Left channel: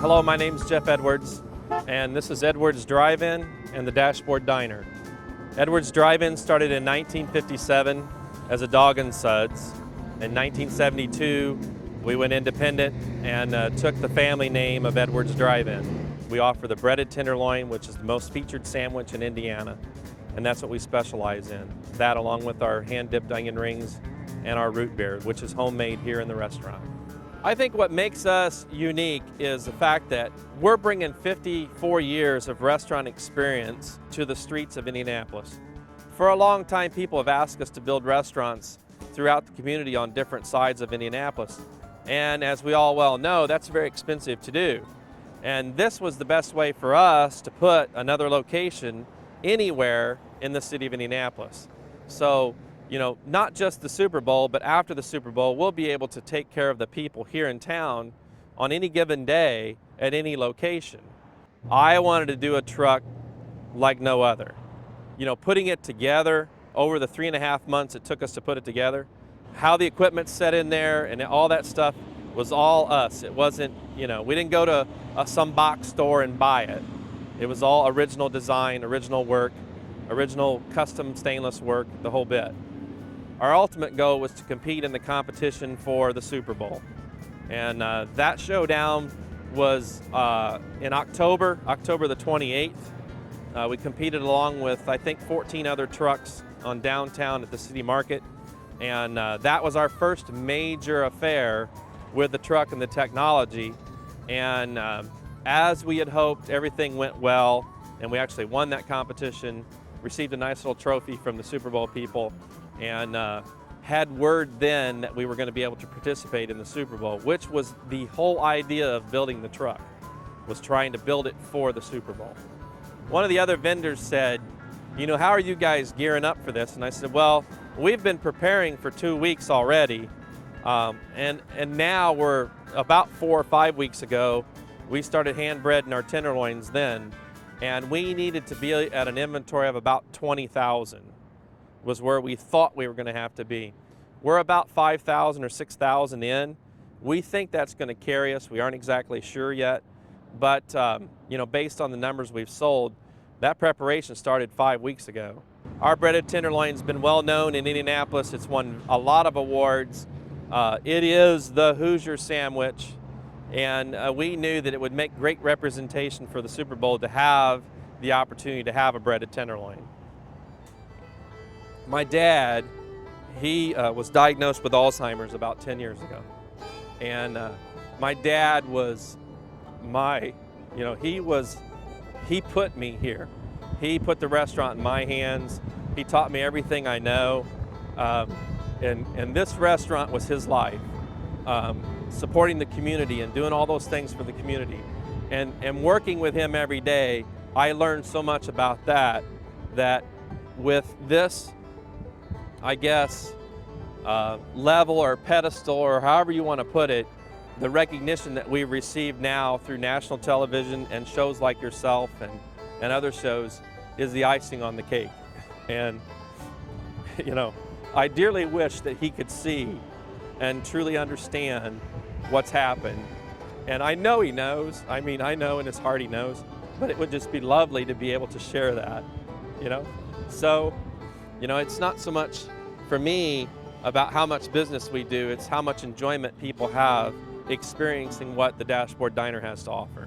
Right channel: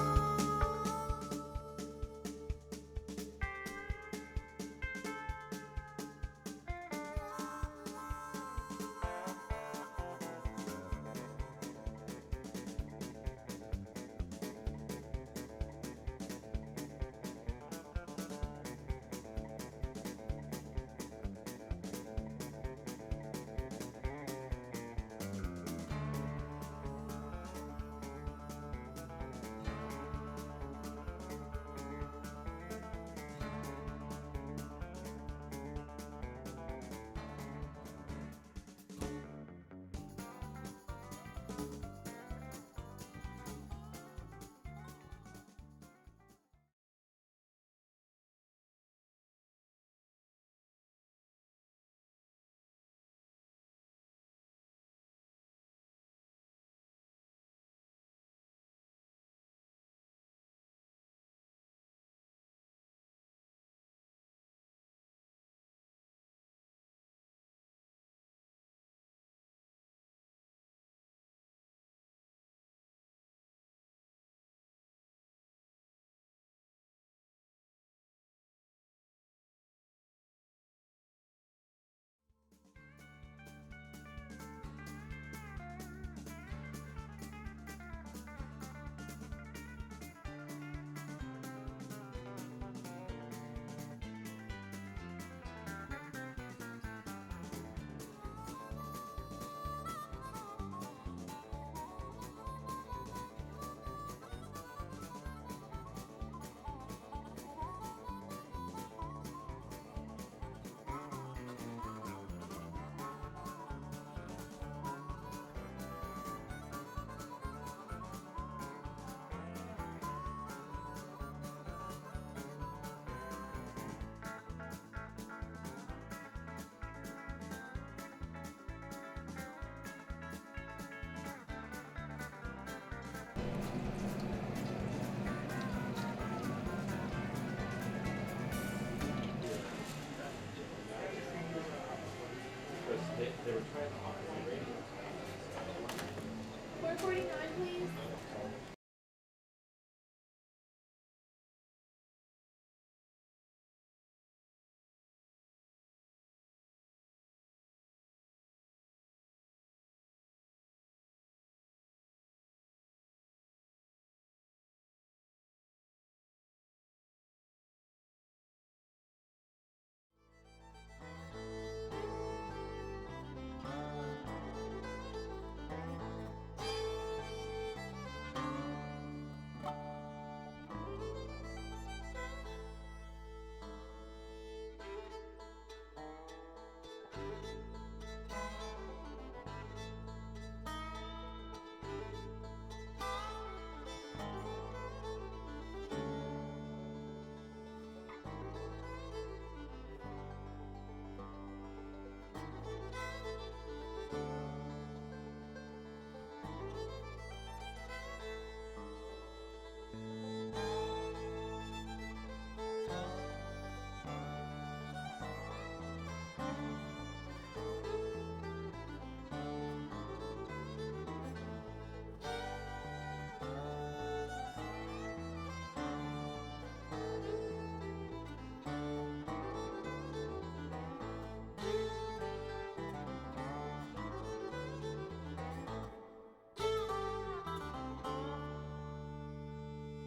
Hello, my name's Jeff Edwards, and this is Edwards Drive-In and the Dashboard Diner. Edwards Drive-In started in 1957 as a Dog and Suds. In 1972, we went independent and took the family name of Edwards Drive-In. We offer the breaded tenderloin, which is the most featured sandwich in Indiana, and that's what we specialize in. That along with our hand-dipped onion rings and our root beer, which is homemade here in the restaurant. I think what makes us unique is the fact that we're bringing 54 years of restaurant experience to the streets of Indianapolis. For a long time, people have asked us to build restaurants throughout the community on different sides of Indianapolis. And as we all well know, that's very expensive to do. And this was the best way for us to put another location anywhere in the city of Indianapolis. So, you know, not just the Super Bowl, but after the Super Bowl, we'll be able to take care of the people here in town on any given day at any location. I wanted to do a truck like no other. You know, putting it together over the 3.5 months it took us to put it together, how the equipment's set in there and all that stuff was all us. It wasn't, you know, we didn't go to some box store and buy it. It was all original design, original work, original custom stainless work, the whole bit. Our ultimate goal was to compete in the competition for the Super Bowl. And that showdown was in October the 28th. We competed along with, I think, 14 other trucks on downtown at the city market. And that was our first major affair with the truck and the technology. And as we had hoped, everything went well. And we actually won that competition, received a nice little trophy from the Super Bowl people, and had word then that we were going to be able to participate in the Super Bowl, which was the whole idea of building the truck, was trying to build it for the Super Bowl. One of the other vendors said, you know, how are you guys gearing up for this? And I said, well, we've been preparing for 2 weeks already, and now we're about 4 or 5 weeks ago, we started hand breading our tenderloins then, and we needed to be at an inventory of about 20,000. Was where we thought we were going to have to be. We're about 5,000 or 6,000 in. We think that's going to carry us. We aren't exactly sure yet, but you know, based on the numbers we've sold, that preparation started 5 weeks ago. Our breaded tenderloin's been well known in Indianapolis. It's won a lot of awards. It is the Hoosier sandwich, and we knew that it would make great representation for the Super Bowl to have the opportunity to have a breaded tenderloin. My dad, he was diagnosed with Alzheimer's about 10 years ago. And my dad was you know, he put me here. He put the restaurant in my hands. He taught me everything I know. And this restaurant was his life. Supporting the community and doing all those things for the community. And working with him every day, I learned so much about that with this, I guess, level or pedestal or however you want to put it, the recognition that we receive now through national television and shows like yourself and other shows is the icing on the cake. And, you know, I dearly wish that he could see and truly understand what's happened. And I know he knows. I mean, I know in his heart he knows, but it would just be lovely to be able to share that, you know? So, you know, it's not so much for me about how much business we do, it's how much enjoyment people have experiencing what the Dashboard Diner has to offer.